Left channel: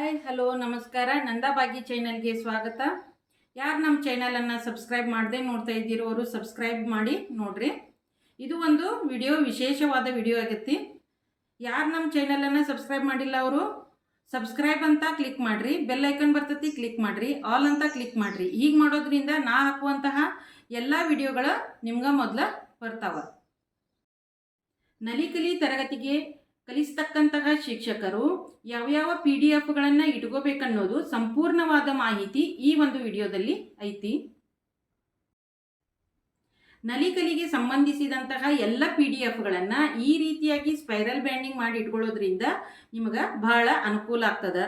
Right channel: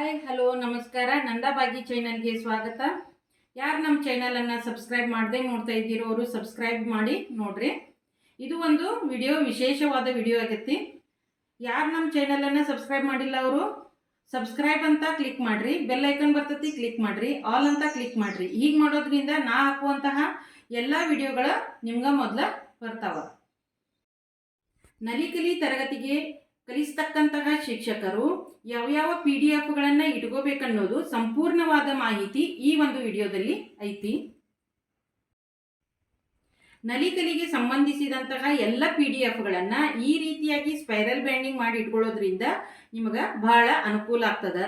Hi hello ನಮಸ್ಕಾರ. ನಂದಾಬಾಗಿ ಚಾನಲ್ಗೆ ಸ್ವಾಗತ. ಯಾರು ನಮ್ಮ ಚೈನಲನ್ನು ಸಬ್ಸ್ಕ್ರೈಬ್ ಮಾಡದೆ ನೋಡ್ತಾ ಇದ್ದೀರೋ ಅವರು ಸಬ್ಸ್ಕ್ರೈಬ್ ಮಾಡಿ ನೋಡ್ರಿ. ಇದು ಒಂದು ವಿಡಿಯೋ ವಿಶೇಷವಾದ ವಿಡಿಯೋ ಆಗೈತಿ. ಯಾರು ನಮ್ಮ ಚೈನಲನ್ನು ಸಬ್ಸ್ಕ್ರೈಬ್ ಮಾಡಿಲ್ಲ ಅವರು ಸಬ್ಸ್ಕ್ರೈಬ್ ಅಂತ ಕ್ಲಿಕ್ ಮಾಡಿರಿ. ಬೆಲ್ ಐಕನ್ ಬರ್ತೈತಿ ಕ್ಲಿಕ್ ಮಾಡಿರಿ. ಆಲ್ ಅಂತ ಕ್ಲಿಕ್ ಮಾಡಿರಿ. ಹೀಗೆ ಮಾಡೋದ್ರಿಂದ ನಾ ಹಾಕುವಂತಹ ಎಲ್ಲ ವಿಡಿಯೋಗಳ ನಿಮ್ಗೆ ಮೊದಲು ಬರ್ತಾವ. ನಲಿಕಲಿ ತರಗತಿಗೆ ಕಲಿಸ್ತಕ್ಕಂತಹ ಶಿಕ್ಷಕರು ಯಾವ್ಯಾವ ಪಿ ಡಿ ಎಫ್ಗಳನ್ನು ಇಟ್ಕೋಬೇಕನ್ನೋದು ಸಂಪೂರ್ಣವಾದ ಮಾಹಿತಿ ಈ ಒಂದು ವಿಡಿಯೋದಲ್ಲಿ ಐತಿ. ನಲಿಕಲಿಗೆ ಸಂಬಂಧಿಸಿದಂತಹ ಎಲ್ಲ ಪಿ ಡಿ ಎಫ್ಗಳನ್ನು ಈ ರೀತಿಯಾಗಿ ಸ್ಪೈರಲ್ ಬ್ಯಾಂಡಿಂಗ್ ಮಾಡಿ ಇಟ್ಕೊಳ್ಳೋದ್ರಿಂದ ನಿಮಗೆ ಬಹಳ ಅನುಕೂಲ ಆಗ್ತದ.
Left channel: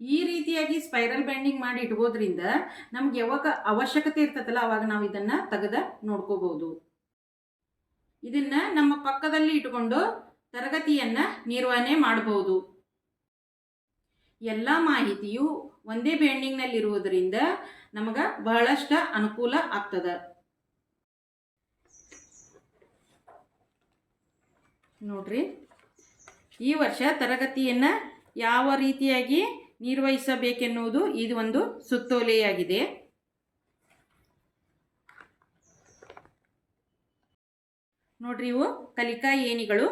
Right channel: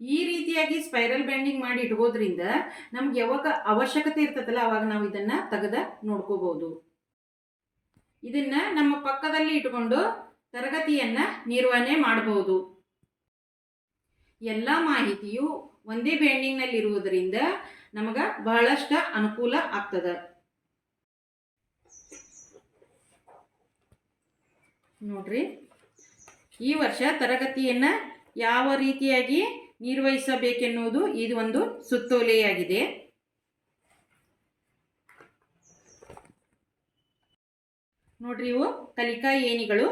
ಈ ರೀತಿಯಾಗಿ ಸ್ಪೈರಲ್ ಬ್ಯಾಂಡಿಂಗ್ ಮಾಡಿ ಇಟ್ಕೋದ್ರಿಂದ ನಮ್ಗೆ ಯಾವಾಗ ಅವಶ್ಯಕತೆ ಇರ್ತದಲ್ಲ ಅವಾಗ ನಾವು ಇದನ್ನ ತೆಗೆದ ನೋಡ್ಕೋಬಹುದು. ಇದನ್ನ ನಮ್ಮ ಪಕ್ಕದಲ್ಲಿ ಇಟ್ಕೊಂಡು ತರಗತಿಯನ್ನ ನಿರ್ವಹಣೆ ಮಾಡಬಹುದು. ಎಲ್ಲ ಮಾಹಿತಿಯು ಒಂದೇ ಬ್ಯಾಂಡಿಂಗ್ನಲ್ಲಿರುವುದರಿಂದ ನಮಗೆ ಬಹಳಷ್ಟು ಅನುಕೂಲ ಆಗ್ತದೆ. ನೋಡ್ರಿ, ಈ ವರ್ಷ ತರಗತಿಯನ್ನ ಯಾವ ರೀತಿಯಾಗಿ ನಿರ್ವಹಿಸಬೇಕೆನ್ನುವುದು ಇದು ಒಂದು ಸುತ್ತೋಲೆಯಾಗಿದೆ. ನೋಡ್ರಿ ಇವು ಕಲಿಕಾ ಏಣಿಗಳು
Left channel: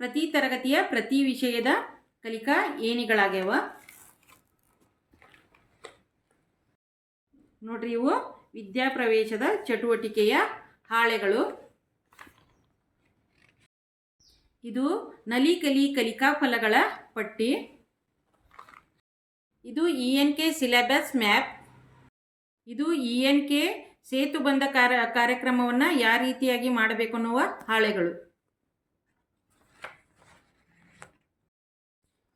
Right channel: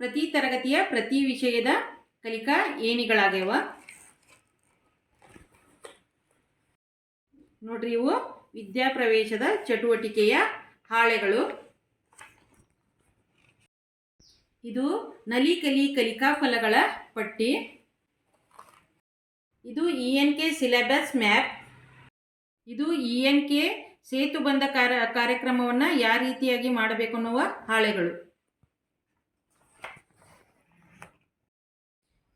ಪ್ರತಿ ತರಗತಿಯ ಪ್ರತಿ ವಿಷಯದ ಕಲಿಕಾ ಏಣಿಗಳಾಗ್ಯಾವ ನೋಡ್ರಿ ಇವು ವಿದ್ಯಾಪ್ರವೇಶದ ಚಟುವಟಿಕೆಯ ಹಾಳೆಗಳು. ಇದು ನಲಿ ಕಲಿ ಕಲಿಕಾ ಫಲಗಳ ಪಟ್ಟಿ. ಇದು E N K syllabus map. ಇದು ಇ ಎನ್ ಕೆ ಸೇತು ಬಂದ ಕಾರ, ಕಾರ್ಯಕ್ರಮವನ್ನು ಯಾವ ರೀತಿಯಾಗಿ ಮಾಡಬೇಕು ಅನ್ನುವ ಹಾಳೆಗಳು.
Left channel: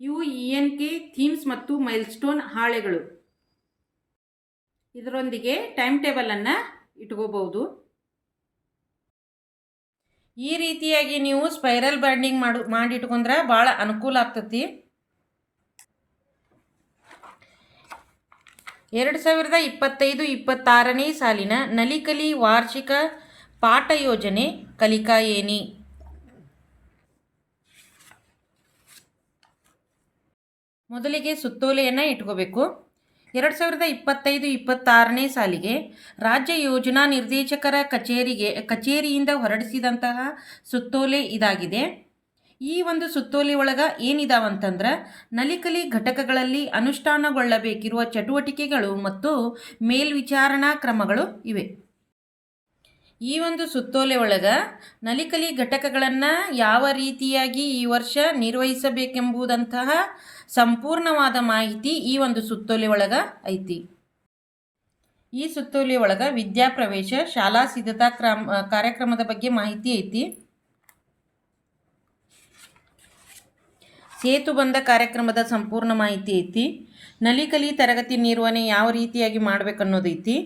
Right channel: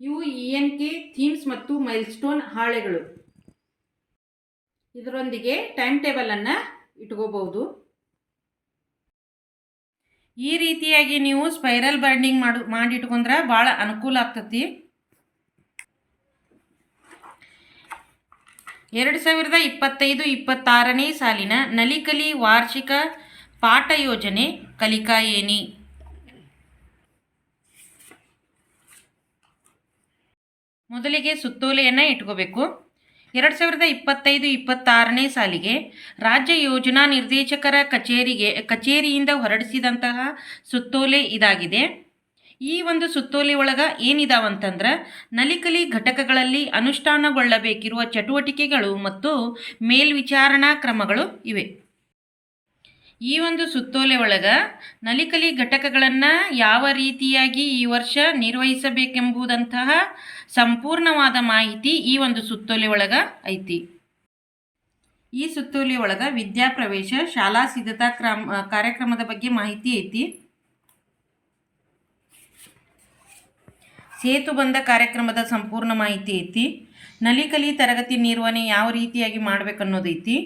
ಇವು ಇ ಎನ್ ಕೆ ಥೀಮ್ಸ್ ಮತ್ತು ಮೈಲ್ಸ್ಟೋನ್ ಹಾಳೆಗಳು. ಇದರೊಂದಿಗೆ ಟೈಮ್ ಟೇಬಲನ್ನು ಇಟ್ಕೋಬಹುದು. ಈ ರೀತಿಯಾಗಿ ನೀವು ಸ್ಪೈರಲ್ ಬೈಂಡಿಂಗ್ ಮಾಡು, ಮಾಡಿಟ್ಕೊಂಡ್ರೆ ಭಾಳ ಅನುಕೂಲ ಆಗ್ತತಿ. ಎರಡು ಸಾವಿರದ ಇಪ್ಪತ್ತೈದು ಇಪ್ಪತ್ತಾರನೇ ಸಾಲಿನ ನಲಿಕಲಿ ವಾರ್ಷಿಕ ಪಾಠ ಯೋಜನೆ ಕಲಿಕಾ ಏನಿ? ಮೊದಲಿಗೆ ಸುತ್ತೋಲೆಯನ್ನು ಇಟ್ಕೋಬೇಕು. ಎರಡು ಸಾವಿರದ ಇಪ್ಪತ್ತೈದು ಇಪ್ಪತ್ತಾರನೇ ಸಾಲಿಗೆ ರಾಜ್ಯ ಯೋಜನಾ ನಿರ್ದೇಶಕರ ಕಚೇರಿಗೆ, ಕಚೇರಿಯಿಂದ ಹೊರಡಿಸಿದಂತಹ ಸುತ್ತೋಲೆ ಇದಾಗಿದೆ. ಈ ಒಂದು ಸುತ್ತೋಲೆ ಒಳಗೆ ಏನಿದಾವಂತಂದ್ರೆ ನಲಿಕಲಿ ಘಟಕಗಳಲ್ಲಿ ಅನುಷ್ಠಾನಗೊಳ್ಳಬೇಕಿರುವ ಚಟುವಟಿಕೆಗಳು ಮತ್ತು ಮೇಲ್ವಿಚಾರಣಾ ಕ್ರಮಗಳು ಇವೆ. ಈ ಒಂದು ಸುತ್ತೋಲೆ ಒಳಗೆ ನಲಿಕಲಿ ಘಟಕಗಳನ್ನು ಯಾವ ರೀತಿಯಾಗಿ ಈ ವರ್ಷ ನಿರ್ವಹಿಸಬೇಕೆಂಬುದಂತಹ ಸಂಪೂರ್ಣವಾದ ಮಾಹಿತಿ ಈ ಒಂದು ಸುತ್ತೋಲೆ ಒಳಗೆ ಐತಿ. ಈ ಸುತ್ತೋಲೆ ಒಳಗೆ ವಿದ್ಯಾಪ್ರವೇಶ, ಶಾಲಾ ಸಿದ್ಧತಾ ಕ್ರಮ, ಕಾರ್ಯಕ್ರಮದ ಬಗ್ಗೆ ಮಾಹಿತಿ ಐತಿ. ಸೇತು ಬಂದ ಕಾರ್ಯಕ್ರಮದ ಸಂಪೂರ್ಣ ಮಾಹಿತಿ ಐತಿ. ನಲಿಕಲಿ ತರಗತಿ ನಿರ್ವಹಣೆ ಯಾವ ರೀತಿಯಾಗಿ ಮಾಡಬೇಕನ್ನೋದೈತಿ.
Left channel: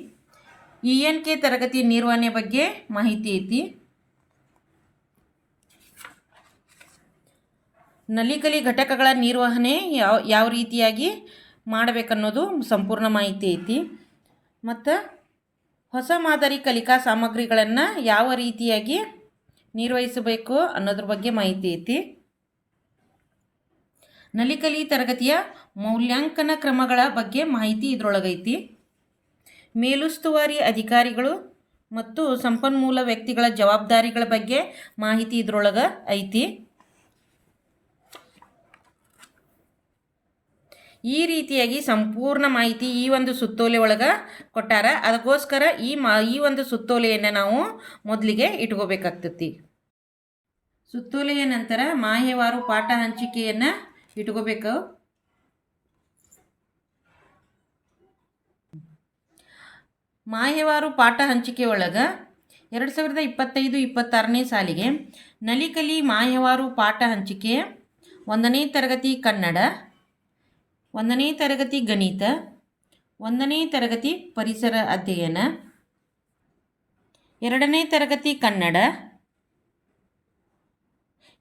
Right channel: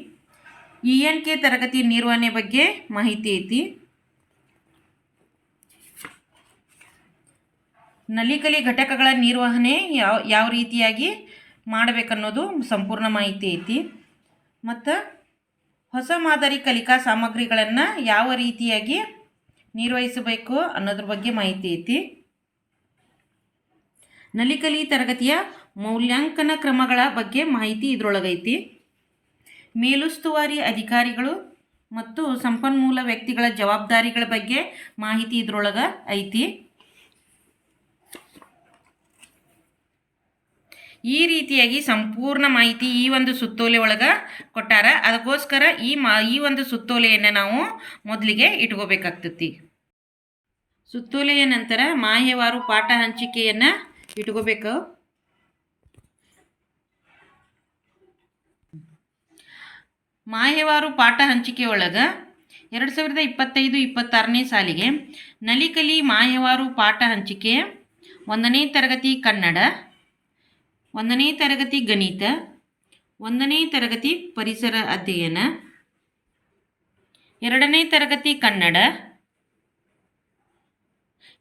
ಇ ಎನ್ ಕೆ ತರಗತಿ ನಿರ್ವಹಣೆ ಬಗ್ಗೆ ಮಾಹಿತಿ ಐತಿ. ನಲಿಕಲಿ ಘಟಕಗಳ ನಿರ್ವಹಣೆ ಯಾವ ಯಾವ ರೀತಿಯಾಗಿ ಮಾಡಬೇಕನ್ನೋದು ಸಂಪೂರ್ಣ ಮಾಹಿತಿ ಐತಿ. ಮತ್ತು ಹೊಸ ಮಾದರಿ ಕಲಿಕಾ ಸಾಮಗ್ರಿಗಳನ್ನು ಯಾವ ರೀತಿಯಾಗಿ ನಿರ್ವಹಿಸಬೇಕು ಅನ್ನೋದ್ರ ಬಗ್ಗೆ ಮಾಹಿತಿ ಐತಿ. ನಲಿಕಲಿ ತರಗತಿಯ ಮೌಲ್ಯಾಂಕನ ಕ್ರಮಗಳ ಬಗ್ಗೆ ಮಾಹಿತಿ ಇದರೊಳಗೈತಿ. ಮೇಲುಸ್ತುವಾರಿ ಅಧಿಕಾರಿಗಳು ಮತ್ತು ಸಂಪನ್ಮೂಲ ವ್ಯಕ್ತಿಗಳ ಜವಾಬ್ದಾರಿಗಳ ಬಗ್ಗೆ ಮಾಹಿತಿ ಇದರೊಳಗೆ ಐತಿ. ಈ ರೀತಿಯಾಗಿ ಸಂಪೂರ್ಣ ಮಾಹಿತಿ ಈ ಒಂದು ಸುತ್ತೋಲೆ ಒಳಗೆ ಕೊಟ್ಟಾರ. ಅದಕ್ಕೋಸ್ಕರ ಈ ಮಾ, ಈ ಒಂದು ಸುತ್ತೋಲೆಯನ್ನು ನಾವು ಮೊದಲಿಗೆ ಇಟ್ಕೋಬೇಕಾಗ್ತತಿ. ಸುತ್ತೋಲೆಯ ನಂತರ ಮಾಹ್ಯವಾರು ಪಾಠ ಹಂಚಿಕೆಯನ್ನು ಇಟ್ಕೋಬೇಕು. ಮಾಹ್ಯವಾರು ಪಾಠ ಹಂಚಿಕೆ ಒಳಗೆ ಎರಡು ಸಾವಿರದ ಇಪ್ಪತ್ತೈದು, ಇಪ್ಪತ್ತಾರನೇ ಸಾಲಿಗೆ ನಲಿಕಲಿ ಮಾಯವಾರು ಪಾಠ ಹಂಚಿಕೆ, ಒಂದನೇ ತರಗತಿ ಕನ್ನಡ, ಒಂದನೇ ತರಗತಿ ಗಣಿತ, ಒಂದನೇ ತರಗತಿ ಪರಿಸರ ಅಧ್ಯಯನ, ಎರಡನೇ ತರಗತಿ ಕನ್ನಡ,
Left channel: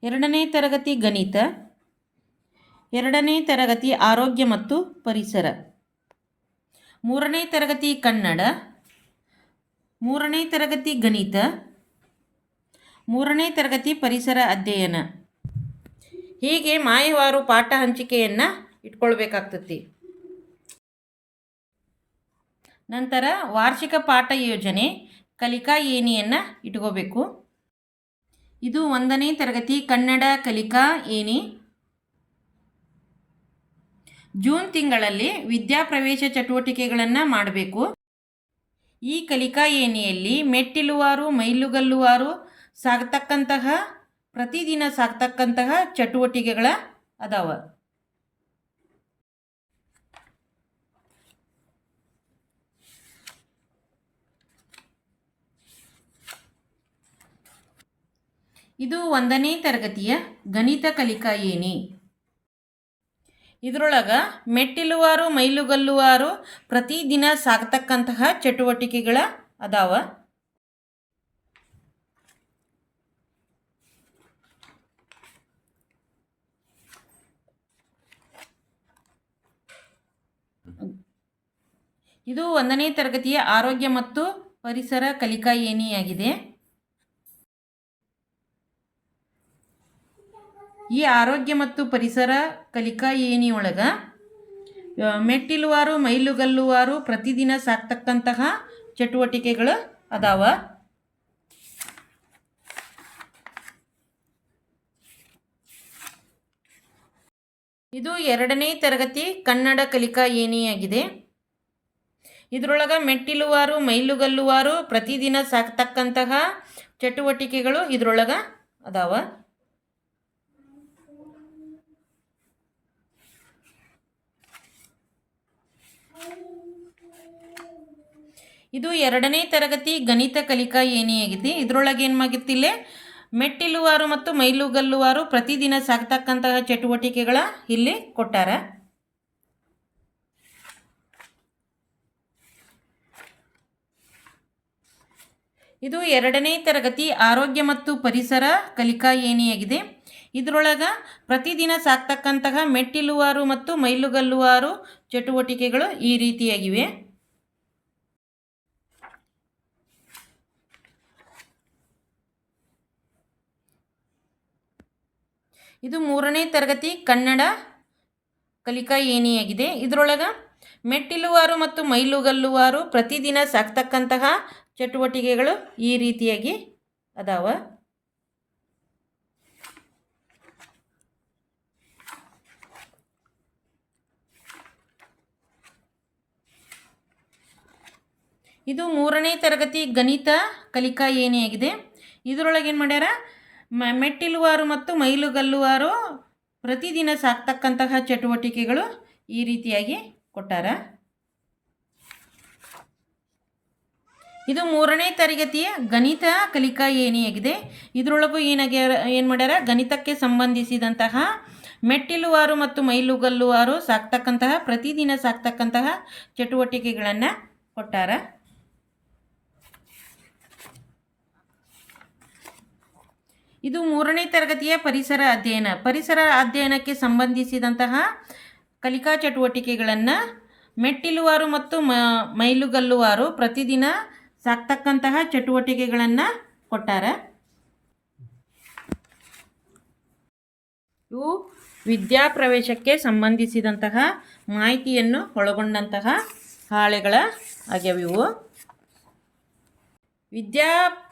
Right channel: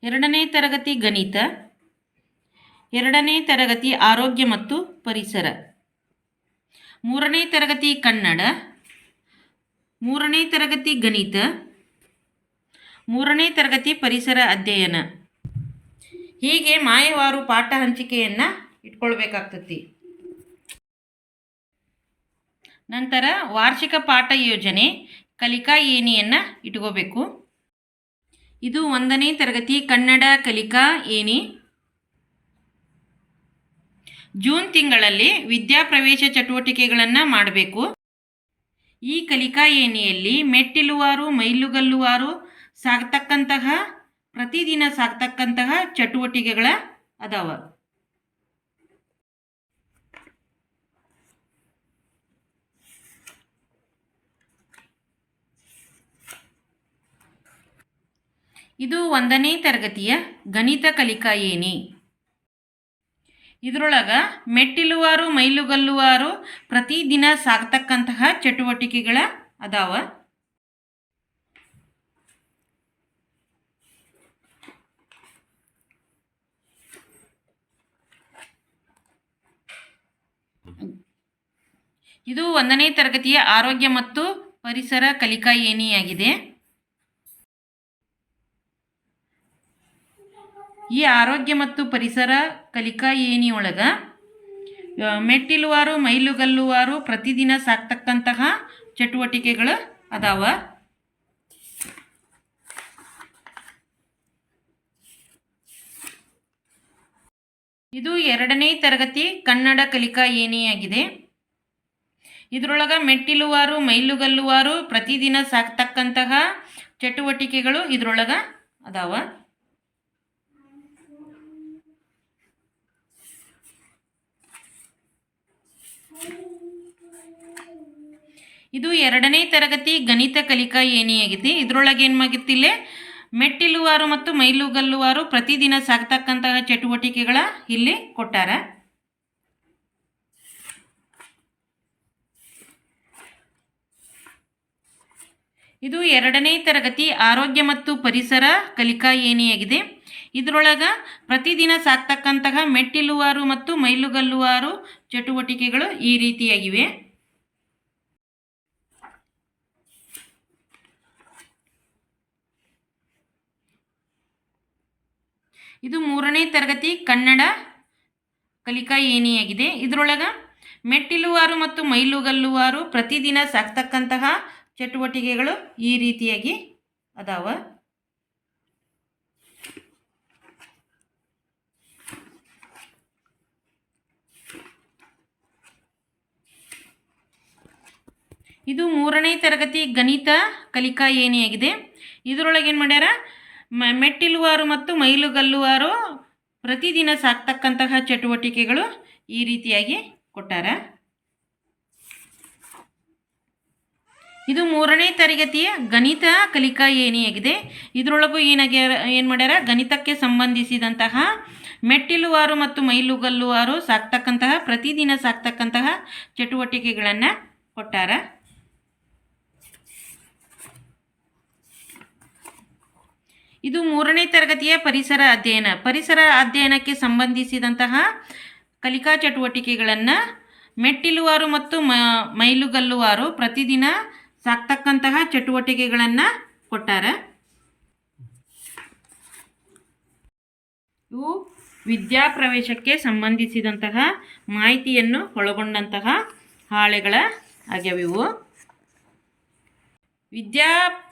ಎರಡನೇ ತರಗತಿ ಗಣಿತ ಎರಡನೇ ತರಗತಿ ಆರೋಗ್ಯ ಮತ್ತು ಪರಿಸರ. ಮೂರನೇ ತರಗತಿ ಕನ್ನಡ. ಮೂರನೇ ತರಗತಿ ಗಣಿತ. ಮೂರನೇ ತರಗತಿ ಪರಿಸರ ಅಧ್ಯಯನ. ಹೀಗೆ ಮಾಯವಾರು ಪಾಠ ಹಂಚಿಕೆಯನ್ನು ಇಟ್ಕೊಳ್ಬೇಕಾಗ್ತತಿ. ನಂತರ ವಾರ್ಷಿಕ ಪಾಠ ಯೋಜನೆ ಕಲಿಕಾ ಏಣಿಯನ್ನು ಇಟ್ಕೋಬೇಕು. ಇದು ಒಂದನೇ ತರಗತಿ ಕನ್ನಡ ಕಲಿಕಾ ಏಣಿ. ಜೂನ್ ತಿಂಗಳಲ್ಲಿ ವಿದ್ಯಾಪ್ರವೇಶ ಚಟುವಟಿಕೆಗಳನ್ನು ಮಾಡಬೇಕು. ಈ ಕಲಿಕಾ ಏಣಿಯಲ್ಲಿ ಮೆಟ್ಟಿಲುವಾರು, ಮೈಲುಗಲ್ಲುವಾರು ಸಾಗ್ತಕ್ಕಂತಹ, ಪ್ರತಿದಿನ ಸಾಗ್ತಕ್ಕಂತಹ ಚಟುವಟಿಕೆಗಳ ಅದಾವ. ಇದು ಒಂದನೇ ತರಗತಿಯ ಗಣಿತ ಕಲಿಕಾ ಏಣಿ. ಇದರೊಳಗೆ ಮೆಟ್ಟಿಲುವಾರು, ಮೈಲುಗಲ್ಲುವಾರು ಪ್ರತಿದಿನ ಸಾಗ್ತಕ್ಕಂತಹ ಚಟುವಟಿಕೆಗಳ ಅದಾವ. ಇದು ಒಂದನೇ ತರಗತಿಯ ಆರೋಗ್ಯ ಮತ್ತು ಪರಿಸರ ಕಲಿಕಾ ಏಣಿಯಾಗಿದೆ ಈ ಆರೋಗ್ಯ ಮತ್ತು ಪರಿಸರ ಕಲಿಕಾ ಏಣಿಯೊಳಗೆ ಮೆಟ್ಟಿಲುವಾರು, ಮೈಲುಗಲ್ಲುವಾರು ಪ್ರತಿದಿನ ಸಾಕ್ತಕ್ಕಂತಹ ಚಟುವಟಿಕೆಗಳು ಅದಾವ. ಇದು ಎರಡನೇ ತರಗತಿ ಕನ್ನಡ ಕಲಿಕಾ ಏಣಿಯಾಗಿದೆ ಇದರೊಳಗೆ ಮೆಟ್ಟಿಲುವಾರು, ಮೈಲುಗಲ್ಲುವಾರು ಪ್ರತಿದಿನ ಸಾಕ್ತಕ್ಕಂತಹ ಚಟುವಟಿಕೆಗಳು ಇದರೊಳಗೆ ಅದಾವ. ಇದು ಎರಡನೇ ತರಗತಿ ಗಣಿತ ಕಲಿಕಾ ಏನಿಯಾಗಿದೆ ಇದರೊಳಗೆ ಏನು ಆಗಿತ್ತಿಲ್ಲೇ ಮೆಟ್ಟಿಲುವಾರು ಮತ್ತು ಮೈಲುಗಲ್ಲುವಾರು ಪ್ರತಿದಿನ ಸಾಕ್ತಕ್ಕಂತಹ ಚಟುವಟಿಕೆಗಳ ಇಲ್ಲಿ ಕೊಟ್ಟಾರ. ಇದು ಎರಡನೇ ತರಗತಿ ಆರೋಗ್ಯ ಮತ್ತು ಪರಿಸರ ಕಲಿಕಾ ಏನಿಯಾಗಿದೆ ಇದರೊಳಗೆ ಪ್ರತಿದಿನ ಸಾಕ್ತಕ್ಕಂತಹ ಮೆಟ್ಟಿಲುವಾರು ಮತ್ತು ಮೈಲುಗಲ್ಲುವಾರು ಚಟುವಟಿಕೆಗಳು ಈ ರೀತಿಯಾಗಿವೆ. ಇದು ಮೂರನೇ ತರಗತಿ ಕನ್ನಡ ಕಲಿಕಾ ಏಣಿಯಾಗಿದೆ. ಇದರೊಳಗೆ ಮೆಟ್ಟಿಲುವಾರು ಮತ್ತು ಮೈಲುಗಲ್ಲುವಾರು ಪ್ರತಿದಿನ ಸಾಕ್ತಕ್ಕಂತಹ ಚಟುವಟಿಕೆಗಳು ಈ ರೀತಿಯಾಗಿ ಅದಾವ. ಇದು ಮೂರನೇ ತರಗತಿ ಗಣಿತ ಕಲಿಕಾ ಏಣಿಯಾಗಿದೆ. ಇದರೊಳಗೆ ಏನು ಮಾಡ್ಯಾರ? ಮೆಟ್ಟಿಲುವಾರು ಮತ್ತು ಮೈಲುಗಲ್ಲುವಾರು ಪ್ರತಿದಿನ ಸಾಕ್ತಕ್ಕಂತಹ ಚಟುವಟಿಕೆಗಳು ಈ ರೀತಿಯಾಗಿ ಕೊಟ್ಟಾರ. ಇದು ಮೂರನೇ ತರಗತಿಯ ಗಣಿತ ಕಲಿಕಾ ಏಣಿಯಾಗಿದೆ. ಇದರೊಳಗೂ ಏನಾಗ್ಯಾರ ಏನು ಮಾಡ್ಯಾರ? ಗಣಿತಕ್ಕೆ ಸಂಬಂಧಿಸಿದಂತಹ ಮೆಟ್ಟಿಲುವಾರು ಮತ್ತು ಮೈಲುಗಲ್ಲುವಾರು ಸಾಕ್ತಕ್ಕಂತಹ, ಪ್ರತಿದಿನ ಸಾಕ್ತಕ್ಕಂತಹ ಚಟುವಟಿಕೆಗಳನ್ನು ಕೊಟ್ಟಾರ. ಇದು ಮೂರನೇ ತರಗತಿಯ ಪರಿಸರ ಅಧ್ಯಯನ. ಪರಿಸರ ಅಧ್ಯಯನಕ್ಕೆ ಸಂಬಂಧಿಸಿದಂತಹ ಕಲಿಕಾ ಚಟುವಟಿಕೆಗಳನ್ನು ಮೆಟ್ಟಿಲುವಾರು ಮತ್ತು ಮ, ಮೈಲುಗಲ್ಲುವಾರು ಪ್ರತಿದಿನ ಸಾಕ್ತಕ್ಕಂತಹ ಚಟುವಟಿಕೆಗಳನ್ನು ಕೊಟ್ಟಾರೆ. ಇವು ವಿದ್ಯಾಪ್ರವೇಶಕ್ಕೆ ಸಂಬಂಧಿಸಿದಂತಹ ಮಾಹಿತಿಯನ್ನು ಒಳಗೊಂಡಂತಹ ಹಾಳೆಗಳ ಆಗ್ಯಾವಿವು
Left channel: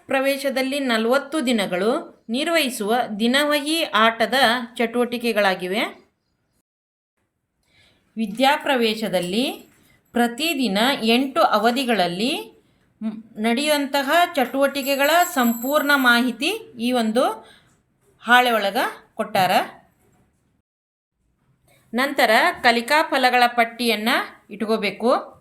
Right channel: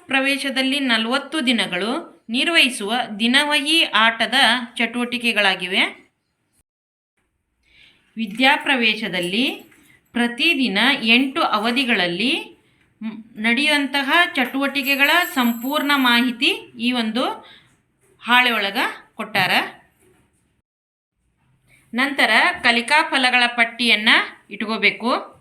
ವಿದ್ಯಾಪ್ರವೇಶದಲ್ಲಿ ನಲವತ್ತು ದಿನಗಳು ನಿರ್ವಹಿಸುವ ದಿನವಹಿ ಆಟದ ಚಟುವಟಿಕೆಗಳಾಗಿವೆ. ವಿದ್ಯಾಪ್ರವೇಶದಲ್ಲಿ ಪ್ರತಿದಿನ ಎಂಟು ಅವಧಿಗಳಲ್ಲಿ ನಡೆಯುವಂತಹ ಚಟುವಟಿಕೆಗಳ ಸಂಪೂರ್ಣ ಮಾಹಿತಿ ಈ ಒಂದು ಹಾಳೆ ಒಳಗೆ ಕೊಟ್ಟಾರ. ನಂತರ ಕಲಿಕಾ ಫಲಗಳ ಪಟ್ಟಿಯನ್ನು ಇಟ್ಕೋಬೇಕು.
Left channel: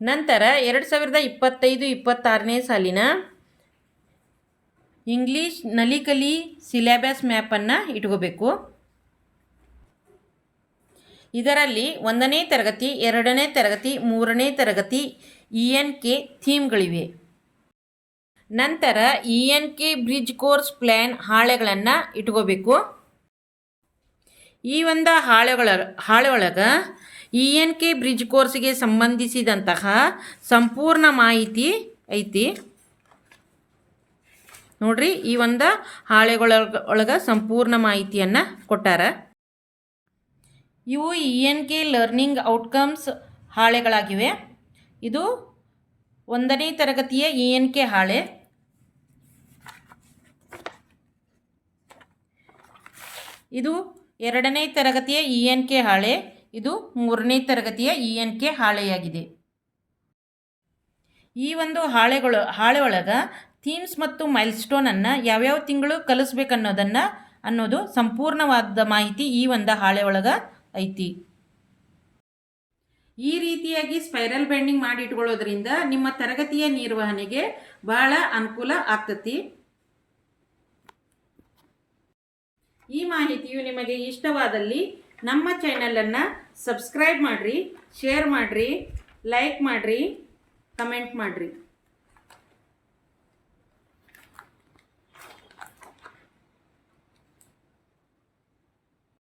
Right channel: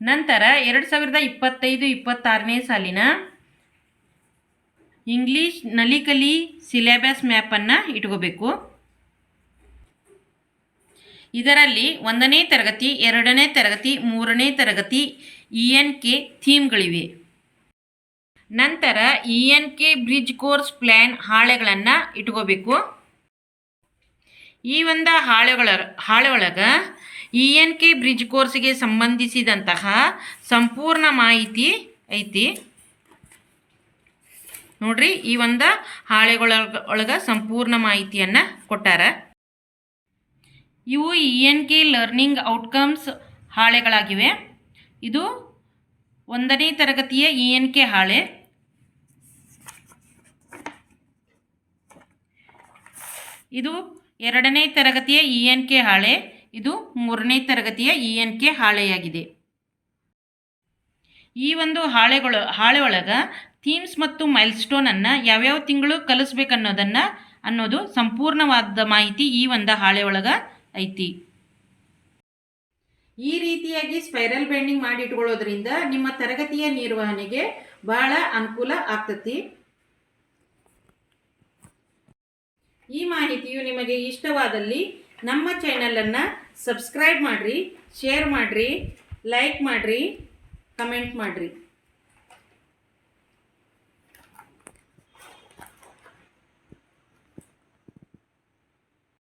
ನಂತರ ಎರಡು ಸಾವಿರದ ಇಪ್ಪತ್ತೈದು, ಇಪ್ಪತ್ತಾರನೇ ಸಾಲಿನ ಇಂಗ್ಲೀಷ್ ನಲಿಕಲಿ ಸಿಲೆಬಸ್ ಮ್ಯಾಪನ್ನು ಇಟ್ಕೋಬೇಕು. ಇದರಲ್ಲಿ ಒಂದನೇ ತರಗತಿ, ಎರಡನೇ ತರಗತಿ, ಮೂರನೇ ತರಗತಿ ಇ ಎನ್ ಕೆ ಥೀಮ್ಗಳಿವೆ ನಂತರ E N K bridge course plan ಹಾಳೆಗಳನ್ನು ಇಟ್ಕೋಬೇಕು. ಈ ಒಂದು ಹಾಳೆಗಳ ಹಾಳೆ ಒಳಗೆ ಇ ಎನ್ ಕೆ ಬ್ರಿಡ್ಜ್ ಕೋರ್ಸ್ಗೆ ಸಂಬಂಧಿಸಿದಂತಹ ಸಂಪೂರ್ಣ ಮಾಹಿತಿ ಐತಿ. ನೋಡ್ರಿ, ಈ ಒಂದು ಹಾಳೆಗಳೊಳಗ ಸಂಪೂರ್ಣ ಮಾಹಿತಿಯನ್ನು ಕೊಟ್ಟಾರ. ಇವು E N K learning outcomes ಹಾಳೆಗಳಾಗಿವೆ. ಇದು ಒಂದನೇ ತರಗತಿಯ ಇ ಎನ್ ಕೆ ಹಾಳೆ. ಇದು ಎರಡನೇ ತರಗತಿಯ ಇ ಎನ್ ಕೆ ಹಾಳೆ. ಇದು ಮೂರನೇ ತರಗತಿಯ ಇ ಎನ್ ಕೆ ಹಾಳೆಯಾಗಿದೆ. ಈ ಒಂದು ಹಾಳೆಗಳು, ಹಾಳೆ ಒಳಗೆ ಥೀಮ್ಸ್ ಮತ್ತು ಮೈಲ್ಸ್ಟೋನನ್ನು ಯಾವ್ಯಾವ ತಿಂಗಳು ಕಲಿಸ್ಬೇಕನ್ನೋದನ್ನು ಅನ್ನೋದು ಸಂಪೂರ್ಣವಾದ ಮಾಹಿತಿ ಈ ಒಂದು ಹಾಳೆ ಒಳಗೆ ಐತಿ. ಈ ರೀತಿಯಾಗಿ ಸ್ಪೈರಲ್ ಬೆಂಡಿಂಗ್ ಮಾಡಿ ಇಟ್ಕೊಳ್ಳೋದ್ರಿಂದ ನಿಮ್ಮ ತರಗತಿಯ ನಿರ್ವಹಣೆಗೆ ಬಹಳ ಅನುಕೂಲ ಆಗ್ತತಿ. ಈ ಮಾಹಿತಿಯು ನಿಮಗೆ ಇಷ್ಟವಾದಲ್ಲಿ ನಮ್ಮ ಚಾನಲನ್ನು ಸಬ್ಸ್ಕ್ರೈಬ್ ಮಾಡಿರಿ ಶೇರ್ ಮಾಡಿರಿ ಲೈಕ್ ಮಾಡಿರಿ ಕಮೆಂಟ್ ಮಾಡಿರಿ.